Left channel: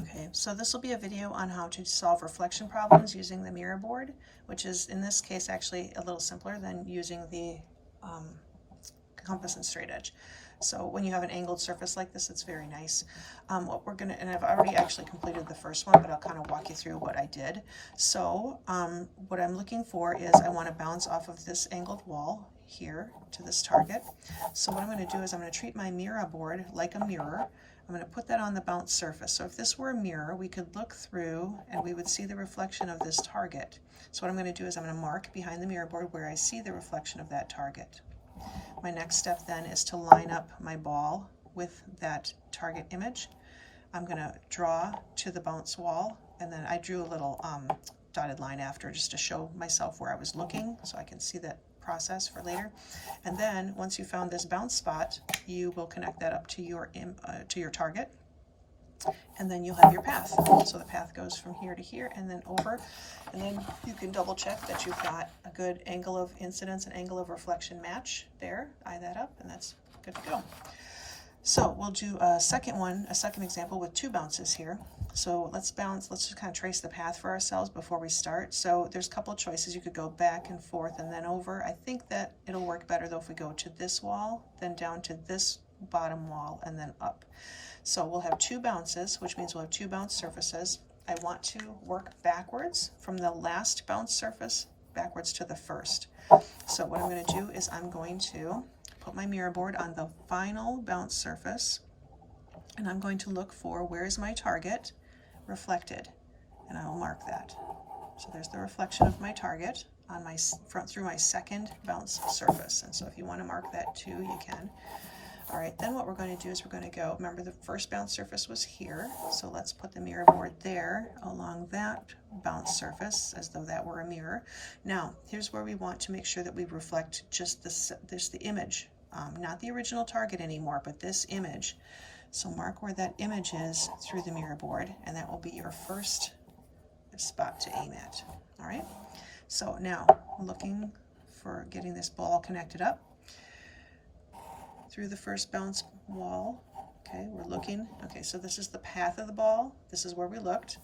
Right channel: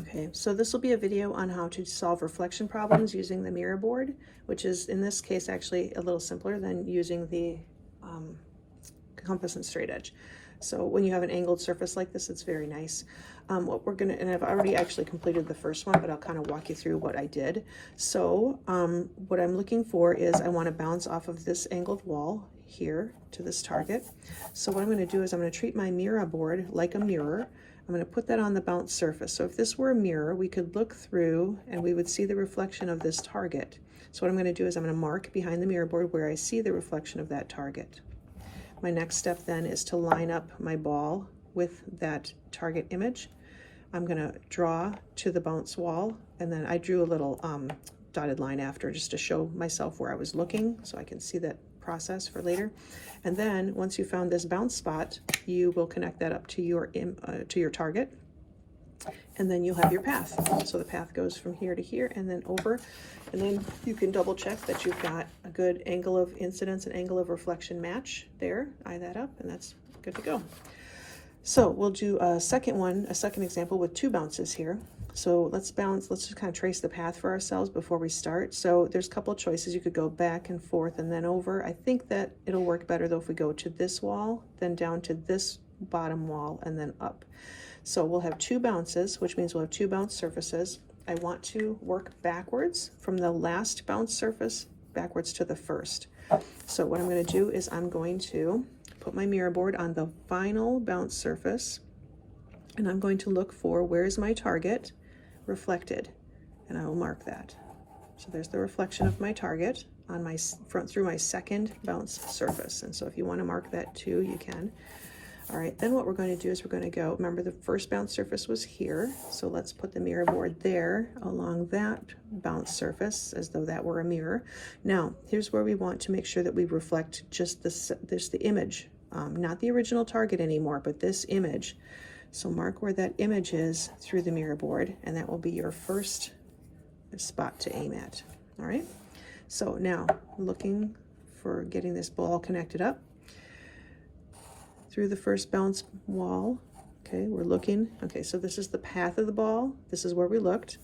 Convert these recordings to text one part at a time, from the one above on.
Okay, so this will be a video on how to solve reflection problems using the Mira board, which is in this case actually a little simpler than using the compass and straight edge. So when you have an angled surface like this, it's very nice. What we're gonna, and I've already actually completed the first one, but I'll kind of walk you through what I did. So what I'm looking for is I want to bounce off of this angled wall here to this target. So what I'm going to do is I'm going to treat my Mira board like a mirror. I'm going to put that on the bounce surface. So if this were a mirror, we could look through and we would see the reflection of this target. So what I'm going to do is I'm going to mark behind the mirror board where I see the reflection of that target. My next step then is to line up my ball with that target image. I'm going to draw to the bounce wall, and then I drew a little dotted line after just to show myself where I was looking so I can see that process for later. And then once you found this bounce spot, you will connect that up to your target, and then you'll have your path. So the path goes from here to here and then over, and then you can double check that you've got a good angle of incidence and angle of reflection match there. Eye that up, and that's good to go. So we'll do a second example with two bounces here. So let's just kind of trace the path for ourselves before we start. So there's a couple of choices. You could go back and forth and then over. I think that it'll work better though if we go to this wall, then down to this bottom wall, and then up. So we'll have two bounces, which means we'll have two bounce surfaces. I want to work backwards from the last bounce surface backwards to the first. So what I'm going to do is I'm going to put my mirror board on the final bounce surface, and I'm going to look for where's my target reflected, and I will mark that. So there's the reflection of my target on my through my second bounce surface. And so if you want to mark that too, you can. All right, then what we're going to do is we're going to go, remember the first bounce surface was here, so let's put the mirror board there along that bounce surface as though that were a mirror. Now, here's where we want to make sure that we reflect just the image, not the original target anymore, but this image. So mark where that image is through the mirror board, and that will be your first spot to aim at. All right, so now looking for getting this ball connected up through the first bounce wall. Okay, we're looking. Okay, so this is the path of the ball. This is where we looked.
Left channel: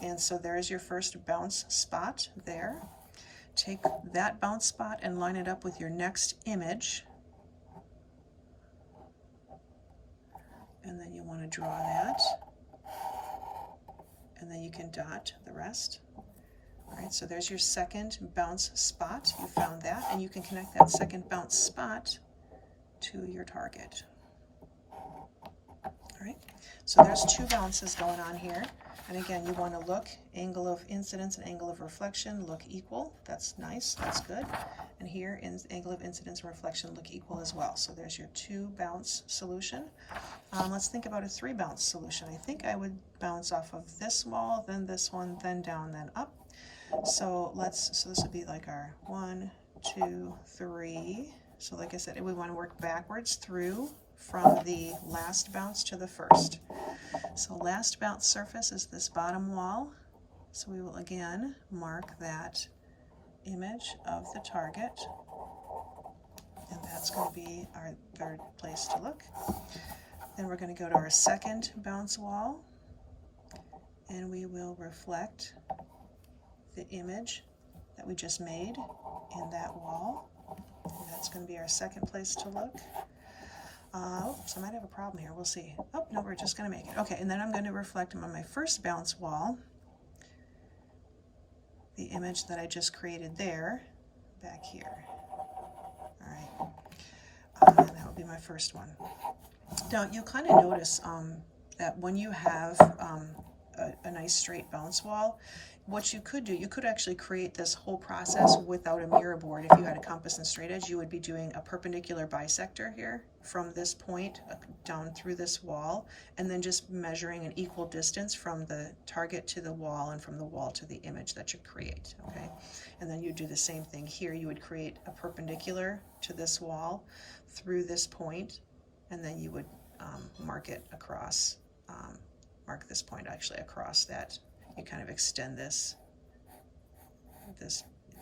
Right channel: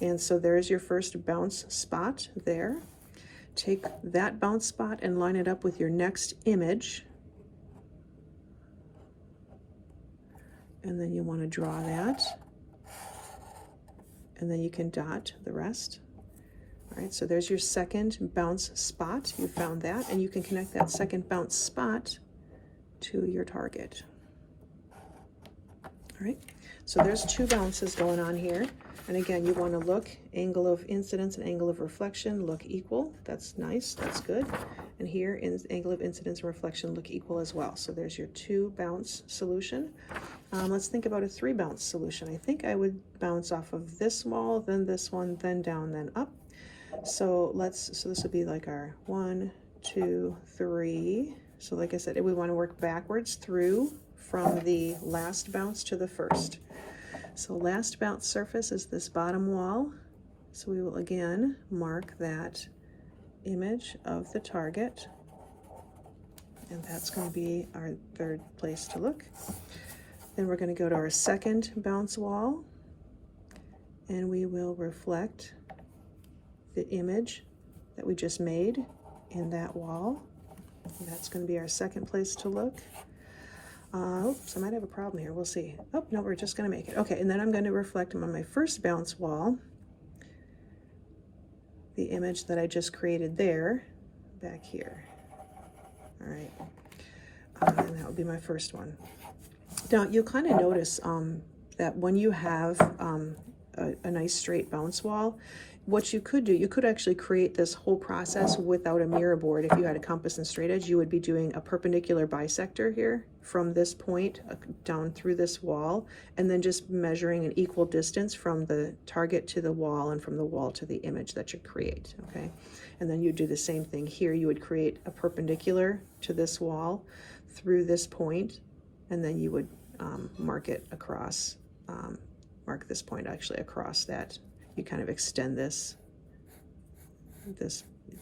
And so there's your first bounce spot there. Take that bounce spot and line it up with your next image. And then you want to draw that. And then you can dot the rest. All right, so there's your second bounce spot. You found that, and you can connect that second bounce spot to your target. All right, so there's two bounces going on here, and again, you want to look, angle of incidence and angle of reflection look equal. That's nice, that's good. And here, angle of incidence and reflection look equal as well. So there's your two bounce solution. Let's think about a three bounce solution. I think I would bounce off of this wall, then this one, then down, then up. So this would be like our 1, 2, 3. So like I said, we want to work backwards through from the last bounce to the first. So last bounce surface is this bottom wall. So we will again mark that image of the target, and that's going to be our third place to look. Then we're going to go to our second bounce wall, and we will reflect the image that we just made in that wall. And that's going to be our second place to look. Oops, I might have a problem here. We'll see. Oh, no, we're just going to make it. Okay, and then I'm going to reflect on my first bounce wall the image that I just created there, back here. All right, and that would be my first one. Now, you'll kind of notice that when you have a nice straight bounce wall, what you could do, you could actually create this whole process without a mirror board. If you had a compass and straight edge, you would be doing a perpendicular bisector here from this point down through this wall, and then just measuring an equal distance from the target to the wall and from the wall to the image that you create, okay? And then you do the same thing here. You would create a perpendicular to this wall through this point, and then you would mark it across, mark this point actually across that. You kind of extend this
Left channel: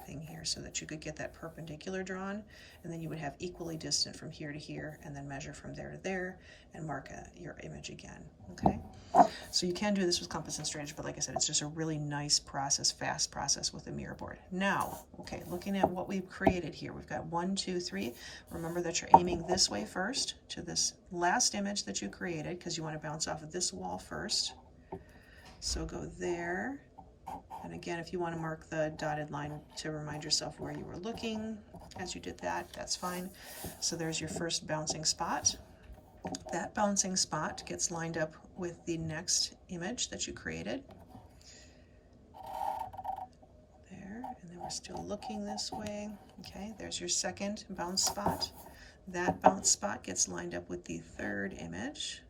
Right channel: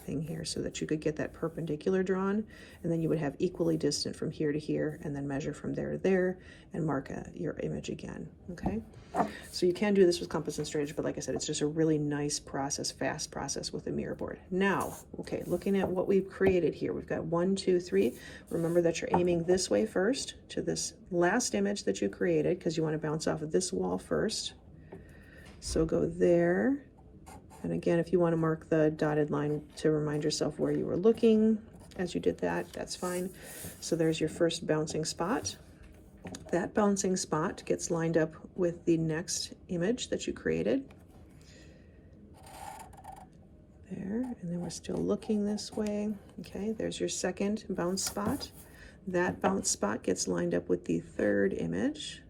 thing here so that you could get that perpendicular drawn, and then you would have equally distant from here to here, and then measure from there to there and mark your image again. Okay, so you can do this with compass and straightedge, but like I said, it's just a really nice process, fast process with the Mira board. Now, okay, looking at what we've created here, we've got 1, 2, 3. Remember that you're aiming this way first to this last image that you created, because you want to bounce off of this wall first. So go there. And again, if you want to mark the dotted line to remind yourself where you were looking as you did that, that's fine. So there's your first bouncing spot. That bouncing spot gets lined up with the next image that you created. There, and then we're still looking this way. Okay, there's your second bounce spot. That bounce spot gets lined up with the third image.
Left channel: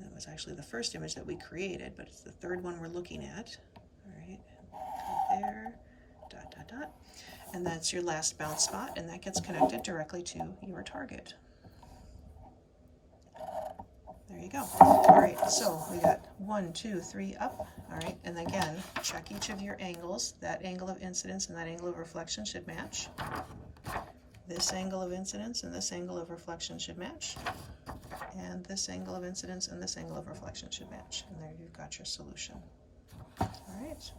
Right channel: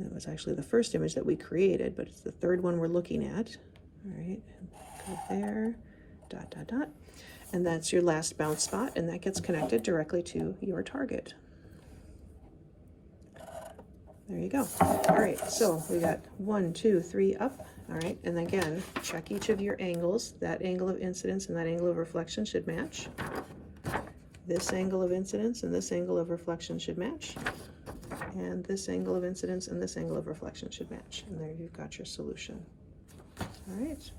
That was actually the first image that we created, but it's the third one we're looking at. All right, go there, dot, dot, dot. And that's your last bounce spot, and that gets connected directly to your target. There you go. All right, so we got 1, 2, 3 up. All right, and again, check each of your angles. That angle of incidence and that angle of reflection should match. This angle of incidence and this angle of reflection should match. And this angle of incidence and this angle of reflection should match. And there you've got your solution. All right.